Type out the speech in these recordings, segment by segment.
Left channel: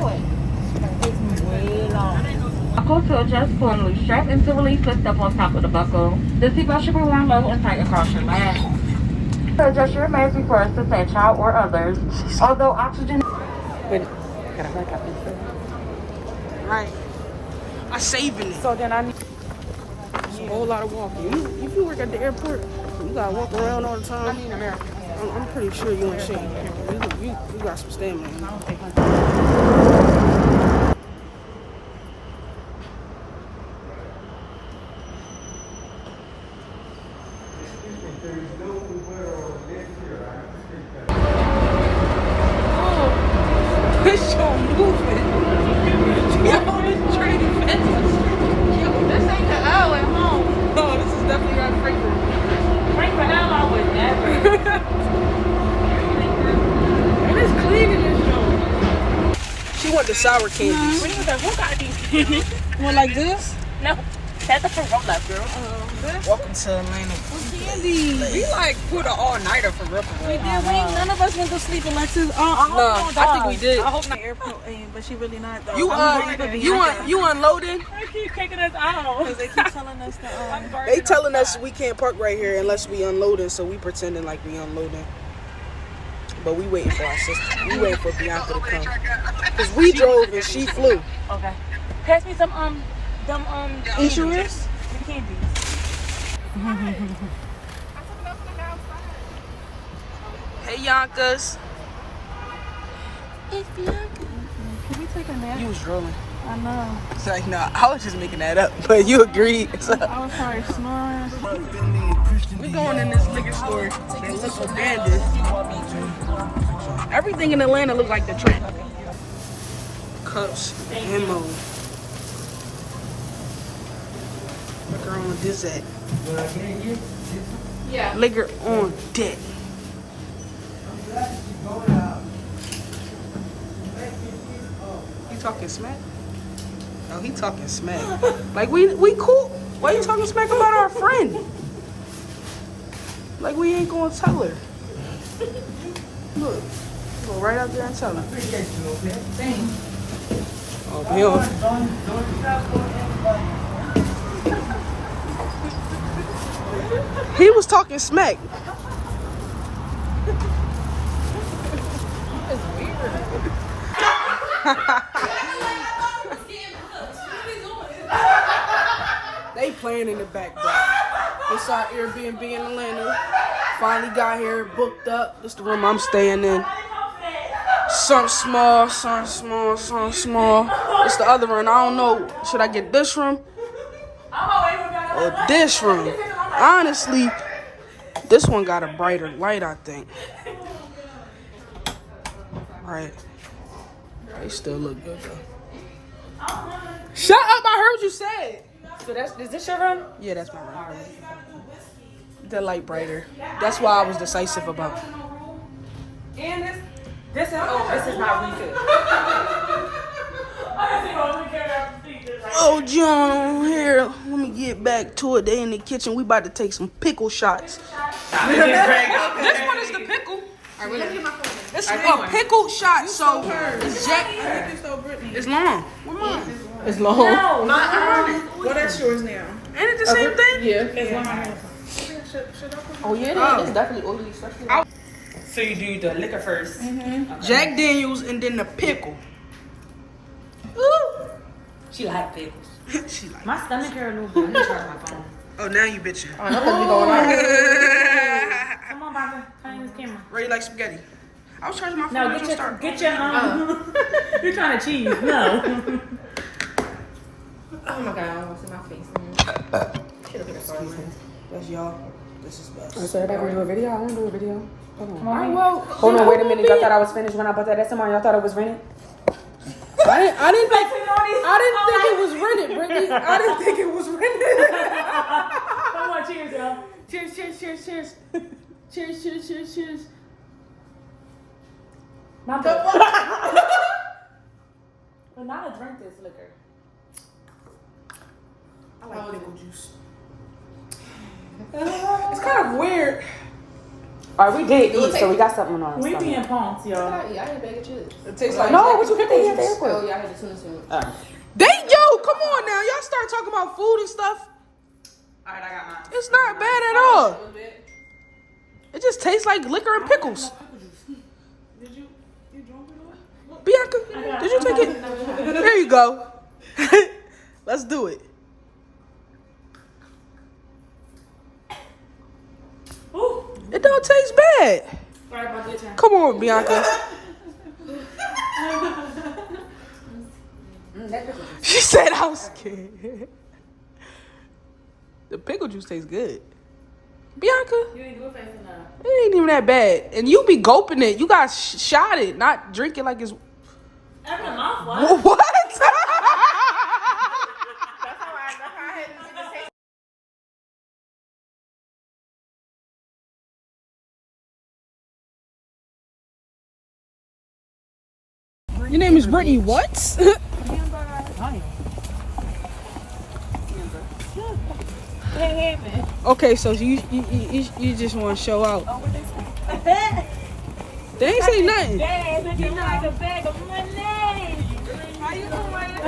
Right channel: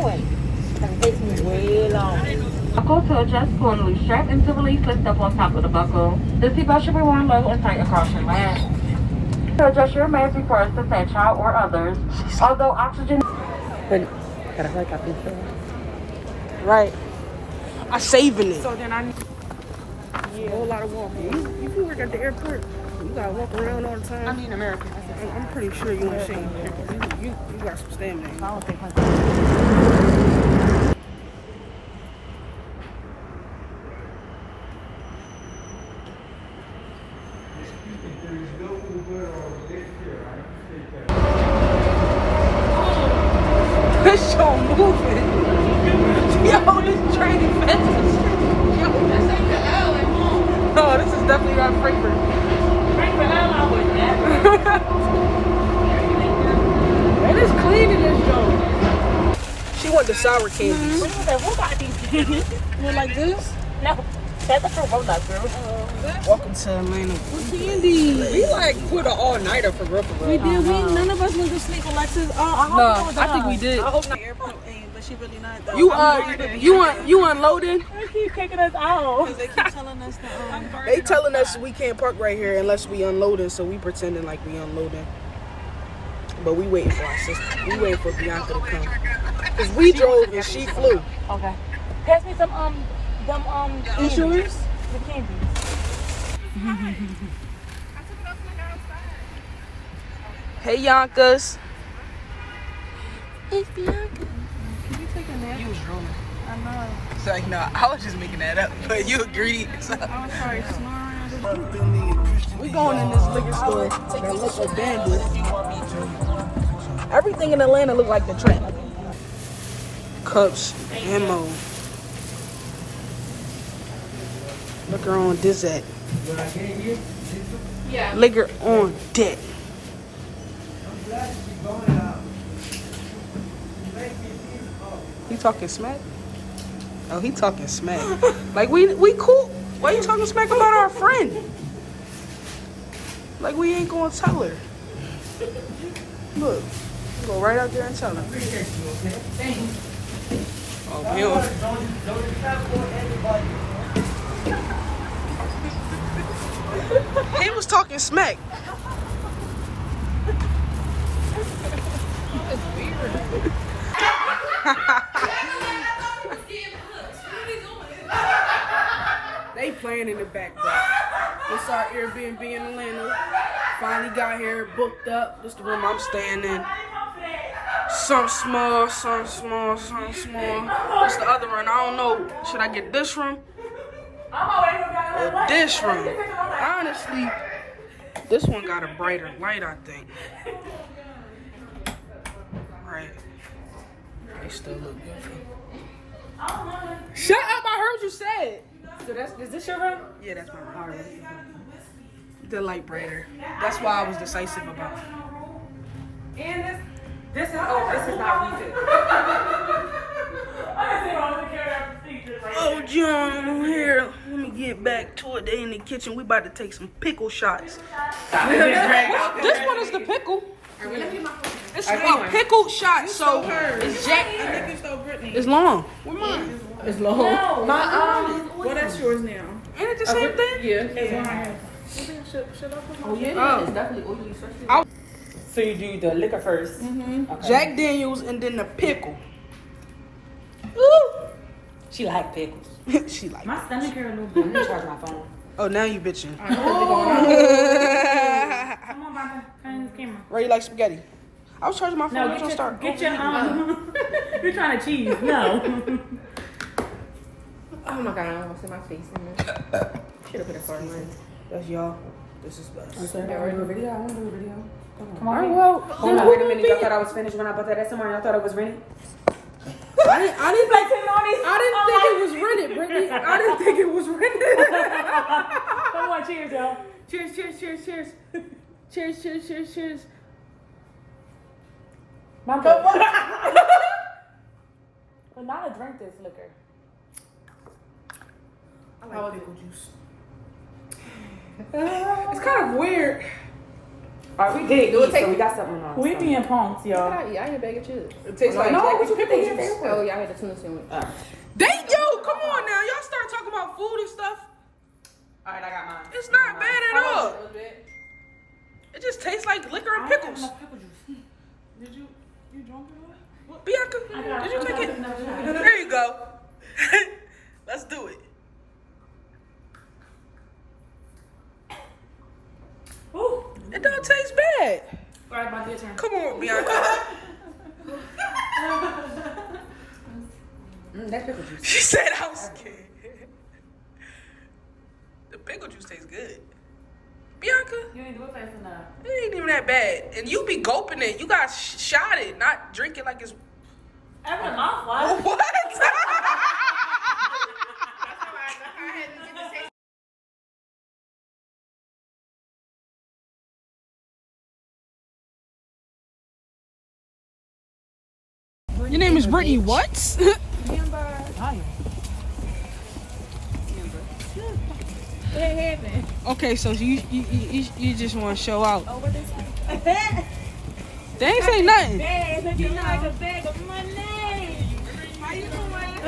Takes me way long. Buckle to adjust formally. Strap and to release the stuff on top of the buckle. The seatbelt should be worn low and tight across your legs. To adjust your mask before assisting a child or others. Although oxygen. But gotta hold up this. Right. I saving it. So then I need A whole lot of walking. If you work at the airport, you gotta walk around all the time. I'm pretty sure you ain't saying you got some stamina. I don't think This show moving. Yo, this train is fast. Yo, this ain't the L at home. No, this is definitely not Frankfurt. Frankfurt L, I would never. It is clean in this joint. She want the sour candies. well, like this. No, that's the Corona, girl. Welcome to Atlanta. What candy? We like put an all-nighter for real. We did. None of us went to sleep unless you. No, I think we did. Airport thing, but she really not. Though. You unloading? They keep taking us out. They keep telling us that. They telling us we can't park right here unless we unloading, so we pretending like we unloading. But we waiting for our sister. We waiting for Bianca to come. Cause we drove and she flew. Okay. Pass me some Insurance? The candies. Hey Yonkers. It's Bianca. Can we take a nap? You was rolling. I know. It's like, no, I was just making that up, but you agreed. So. I was like snoring. We going in this liquor store that look abandoned. Everything in Atlanta look like the trend. Cups, ammo. Liquor on Dizak. Yeah. Liquor on deck. He talking smack? Oh, he talking smack. Like we cool. Why you talking smack about our friend? Like we ain't gonna tell her. Look, go right out there and tell her. Oh, Bill. He was talking smack. They playing in the back, bro. This our Airbnb in Atlanta. Finally got here, booked up. This the room I'm staying in. Some small, some small, some small. It's the other one. I don't know. Should I get this room or this room? Honestly, this one got a brighter light, I think. Right. They still look good. Shut up! I heard you say it. So is this your room? Yeah, that's my room. The light brighter. That's why I was decisive about it. And this is not recent. Oh, John, here. Let me get back to it. They in the kitchen. We about to take some pickle shots. This one is the pickle. It's a pickle shot, so it's Jack. I think it's so Brittany. It's long. Where mine? It's long. No, Well, that's yours now. Ain't it the same thing? Yeah. Oh yeah, it's definitely oily, especially. So you do the liquor first. Jack Daniels and then the pickle. She like pickles. She like. My stomach hurt a little bit. Let me charge my phone. Oh, now you bitching. Come on, Baba. Turn on this camera. Ray like spaghetti. I was charging my phone. No, Don't start. get your You're trying to cheese. No. Oh my god, I almost see my face. That's y'all. This is best. So everybody want to do a video? I want to do a video. Hold on. Alright, well, Hold on, wait a minute. Y'all thought I was finished when I bought that SMR. Y'all thought it was rented? I didn't think it was rented, Brittany. I didn't think it was rented. Come on, cheers, y'all. Cheers, cheers, cheers, cheers. Cheers, cheers, cheers, cheers. Not the But not to drink this liquor. I like pickle juice. It's kind of weird. Alright, we did eat, so we got something on. We be in punks, y'all. I ate a bag of chips. It tastes like No, Jack what you and pickle think? juice. Oh, yeah, I had the tuna sandwich. Yo, come on now. Y'all start talking about food and stuff. Alright, I got mine. It's not bad at all. It just tastes like liquor and pickles. Did you drunk it all? Bianca, did you take it? There you go. Let's do it. Ooh. It don't taste bad. Sorry about this time. Come on, Bianca. That pickle juice. She said I was scared. The pickle juice tastes good. Bianca, You ain't good face enough. it ain't even that bad. And you be gulping it. You got shot it, not drink it like it's... That's a mouthful. What? Your name is Brittany what? Okay, so you just want to show out. They ain't say nothing.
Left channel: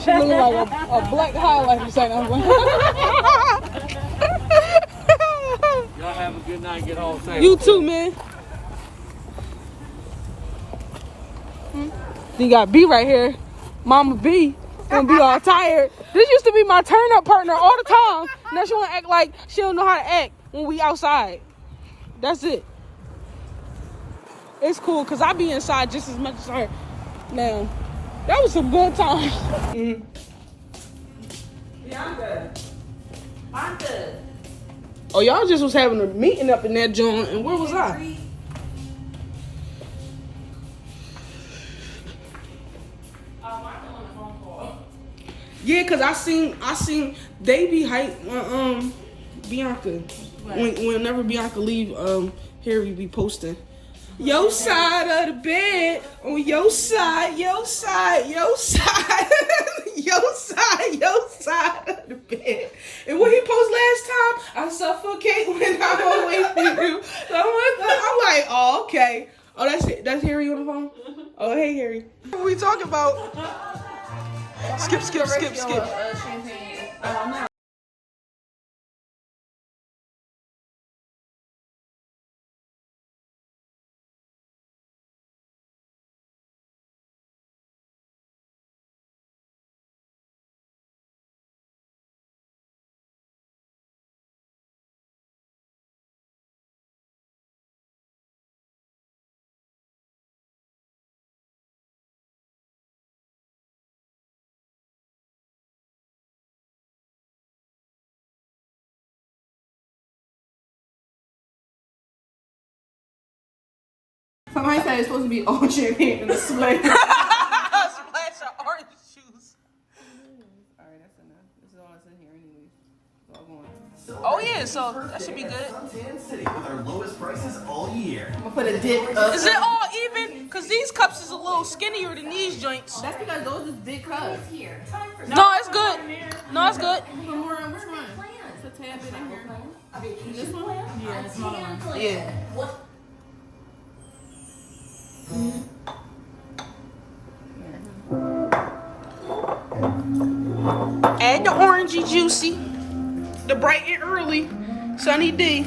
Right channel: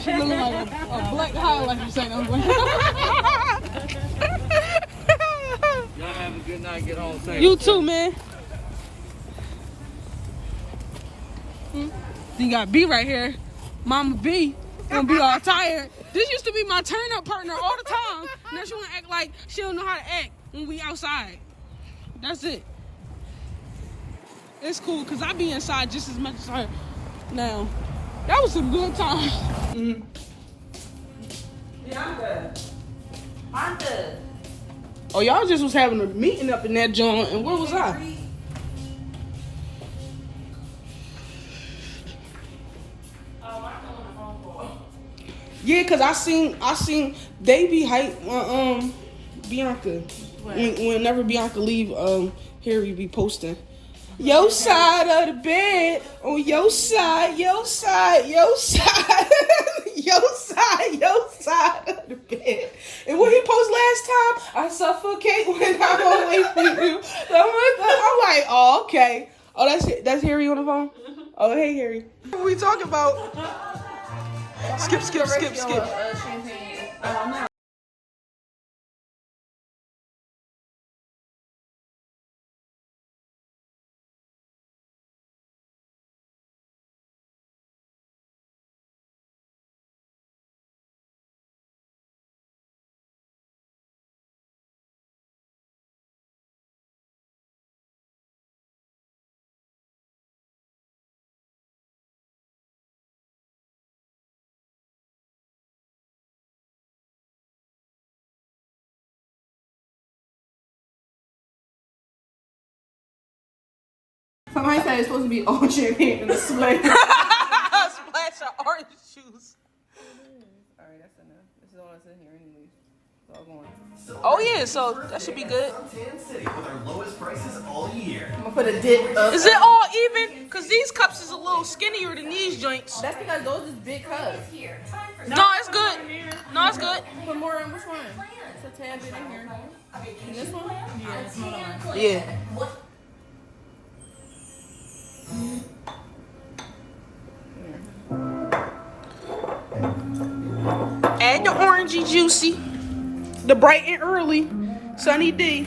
She looking like a black highlight or something. Y'all have a good night. Get all safe. You too, man. You got B right here. Mama B gonna be all tired. This used to be my turn up partner all the time. Now she wanna act like she don't know how to act when we outside. That's it. It's cool because I be inside just as much as her. Now, that was some good time. Yeah, I'm good. I'm good. Oh, y'all just was having a meeting up in that joint, and where was I? Yeah, cause I seen they be hype Bianca. Whenever Bianca leave, Harry be posting. Your side of the bed, on your side, your side, your side, your side, your side of the bed. And what he post last time, I suffocate when I'm away from you. So I'm like, oh, okay. Oh, that's Harry on the phone? Oh, hey, Harry. What we talking about? Skip. Champagne. Somebody said it's supposed to be all champagne in the splash. Splash of orange juice. Alright, that's enough. This is all that's in here anyways. It's all going. Oh yeah, so that should be good. City with our lowest prices all year. I'm gonna put a dip up. Is it all even? Cause these cups is a little skinnier than these joints. That's because those is big cups. No, it's good. No, it's good. Put more in which one? It's a tab in here. This one? Yeah, it's small. Yeah. Add the orangey juicy, the bright and early, Sunny D.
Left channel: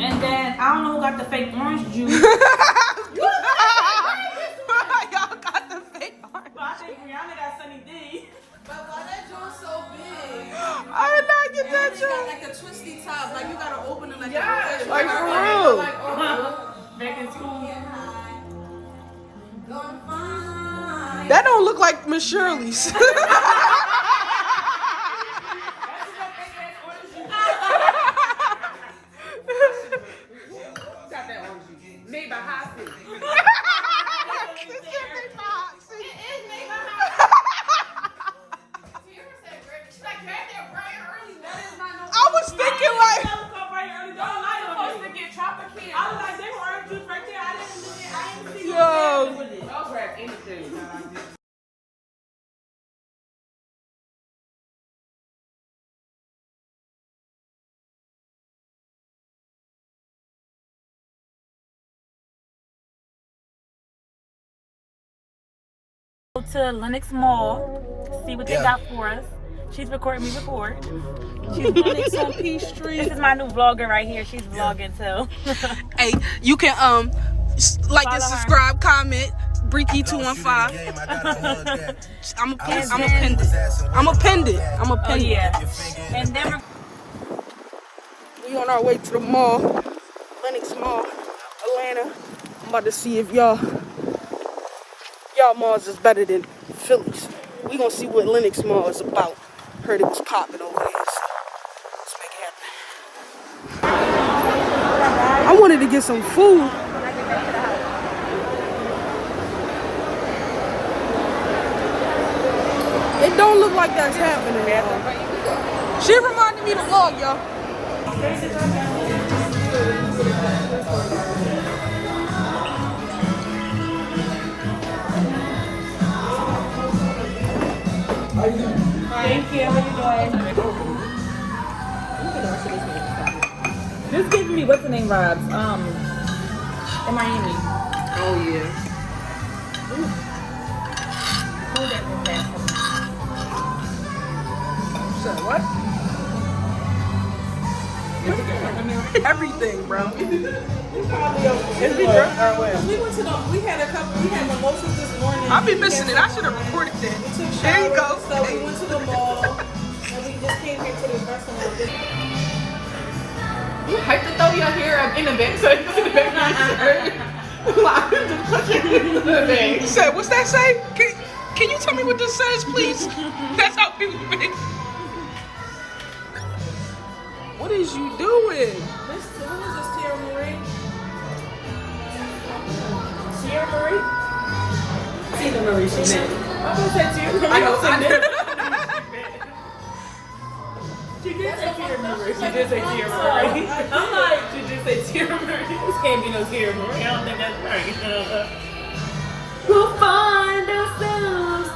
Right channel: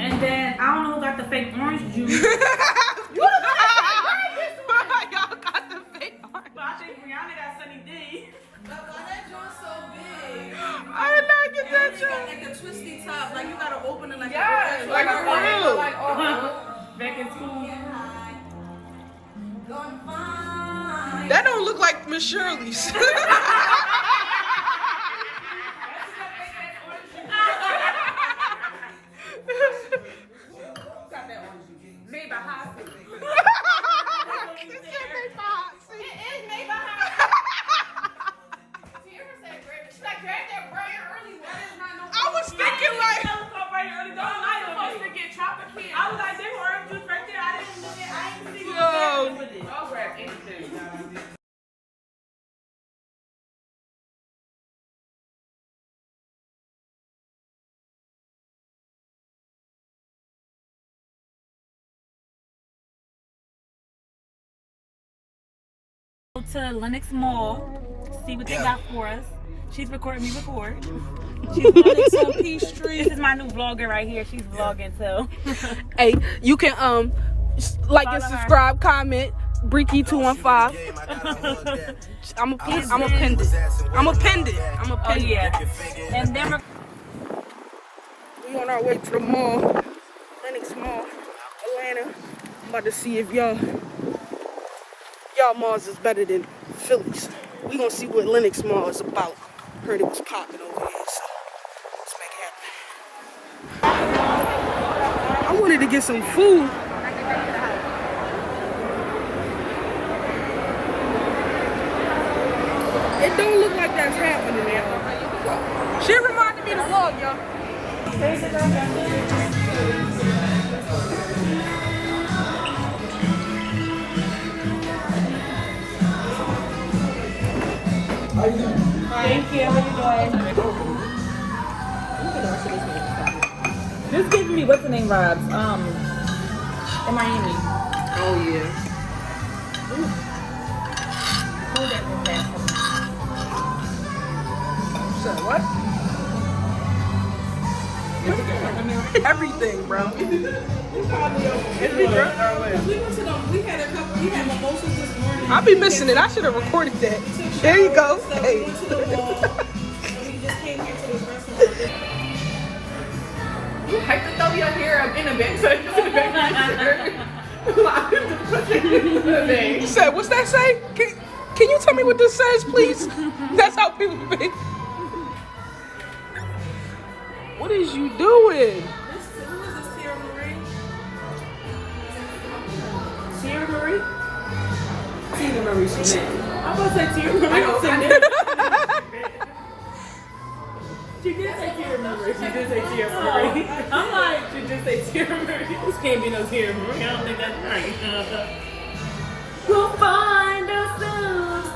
And then I don't know who got the fake orange juice. Y'all got the fake orange. But I think Brianna got Sunny D. But why that juice so big? I did not get that You got joke. like a twisty top. Like you gotta open it. Yes. Like for real. Like, oh, Back in school. That don't look like Miss Shirley's. made by high school. I was thinking like, I was like, they were orange juice right there. I didn't look at. I didn't see. yo. I'll grab anything. to Lenox Mall. See what they got for us. She's recording me record. She's vlogging on Peachtree. This is my new vlogger right here. She's vlogging too. Hey, you can like Follow and her. subscribe, comment, Breaky215. I'm a pin it. Oh yeah. And then We on our way to the mall, Lenox Mall, Atlanta. I'm about to see if y'all malls is better than Philly's. We gonna see what Lenox Mall is about. Heard it was popping over here, so let's make it happen. I wanted to get some food. It don't look like that's happening, y'all. She reminded me to vlog, y'all. thank you. How you doing? This giving me what's the name vibes? In Miami. Oh yeah. Hold that real fast. So what? Everything, bro. We went to we had mimosas this morning. I'll be missing it. I should have recorded that. There you go. So Hey. we went to the mall and we just came here to this restaurant. You have to throw your hair up in the bag so you put it back on. You said, what's that say? Can you tell me what this says, please? That's how people be. What is you doing? Who is this, Tierra Marie? Tierra Marie? Tina Marie, she meant. I'm gonna say Tierra Marie. I know. She did say Tierra Marie. She did say Tierra Marie. I'm like, she did say Tierra Marie. This can't be no Tierra Marie. I don't think that's right. We'll find ourselves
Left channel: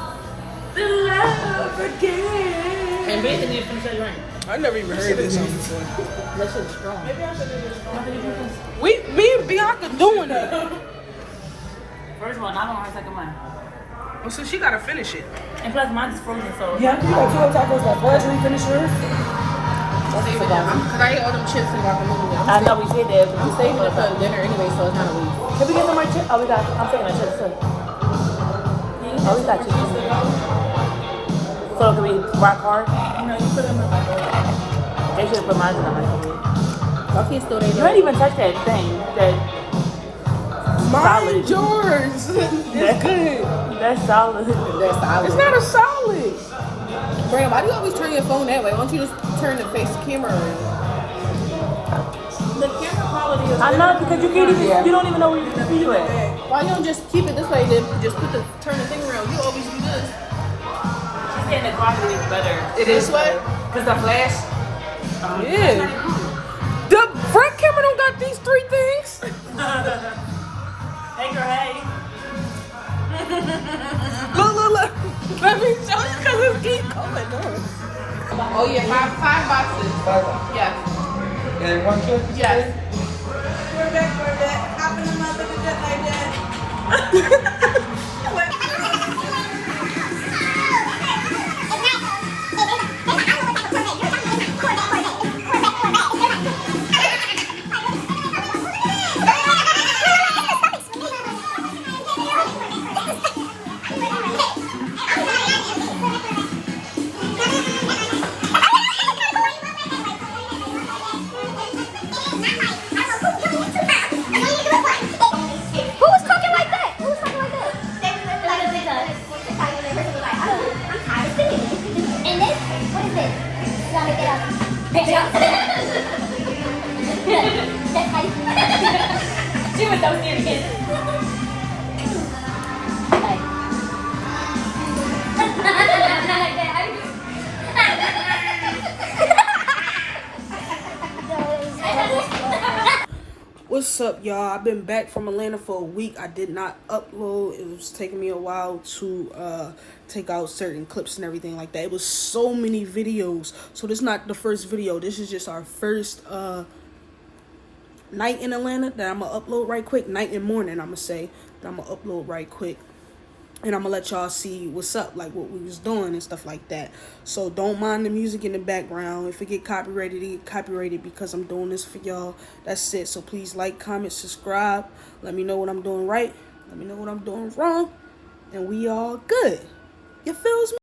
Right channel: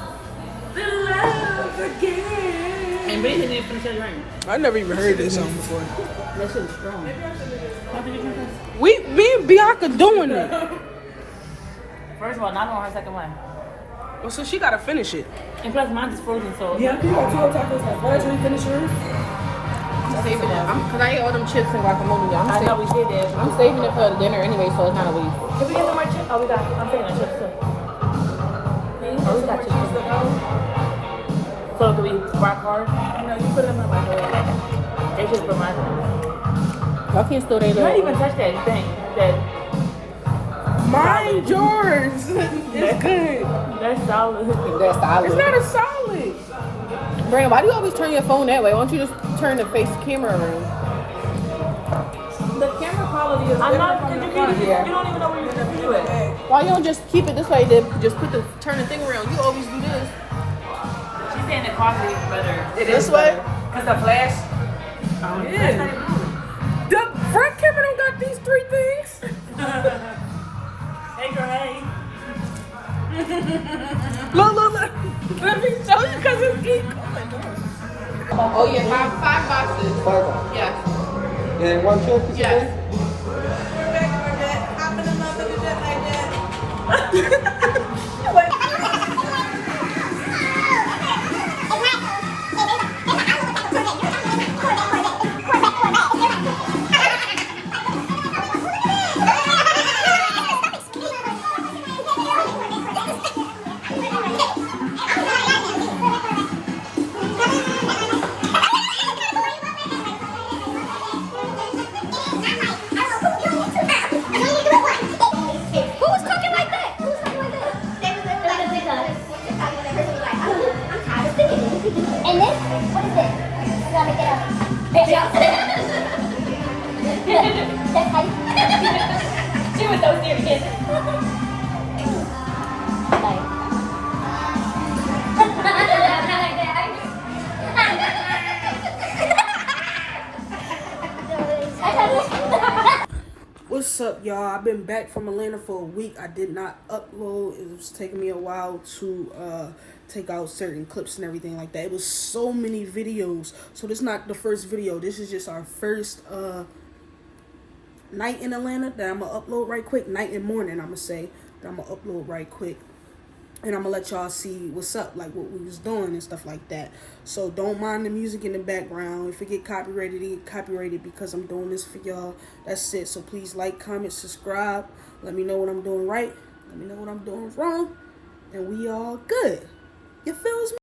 in love again. And Bacon did from Sugar Rain. I never even heard this song before. That shit was strong. Me and Bianca doing it. First of all, not on her second one. Well, so she gotta finish it. And plus, mine's frozen, so Yeah, you got 2 tacos left. Where's we finish yours? I'll save it down. Because I ate all them chips and macaroni. I know we should have. I'm saving it for dinner anyway, so it's not a waste. Should we get some more chips? Oh, we got. I'm saying that chips too. Oh, we got chips. So can we rock hard? No, you put them in my bowl. They should put mine in my bowl. I can't still You didn't even touch that thing. Mind yours. It's good. That's solid. It's not a solid. Brandon, why do you always turn your phone that way? Why don't you just turn the face camera around? The camera quality is. I know because you can't even. You don't even know where you're gonna do it. Why you don't just keep it this way? Then just turn the thing around. You always do this. She's saying the quality is better. This way. Cause the flash. Yeah. The front camera don't got these 3 things. Hey girl, hey. Look. Let me show you because it's deep. Oh yeah, five boxes. Yes. And 1, 2, 3. Yes. Hop in the motherfucker just like that. Who's talking like that? Who's talking like that? I'm tired of seeing it. And this? What is this? You gotta look it up. That's how you... She was so serious. What's up, y'all? I've been back from Atlanta for a week. I did not upload. It was taking me a while to take out certain clips and everything like that. It was so many videos. So this is not the first video. This is just our first night in Atlanta that I'm going to upload right quick. Night and morning, I'm going to say, that I'm going to upload right quick. And I'm gonna let y'all see what's up, like what we was doing and stuff like that. So don't mind the music in the background. If it get copyrighted, it get copyrighted because I'm doing this for y'all. That's it. So please like, comment, subscribe. Let me know what I'm doing right. Let me know what I'm doing wrong. And we all good. You feels me?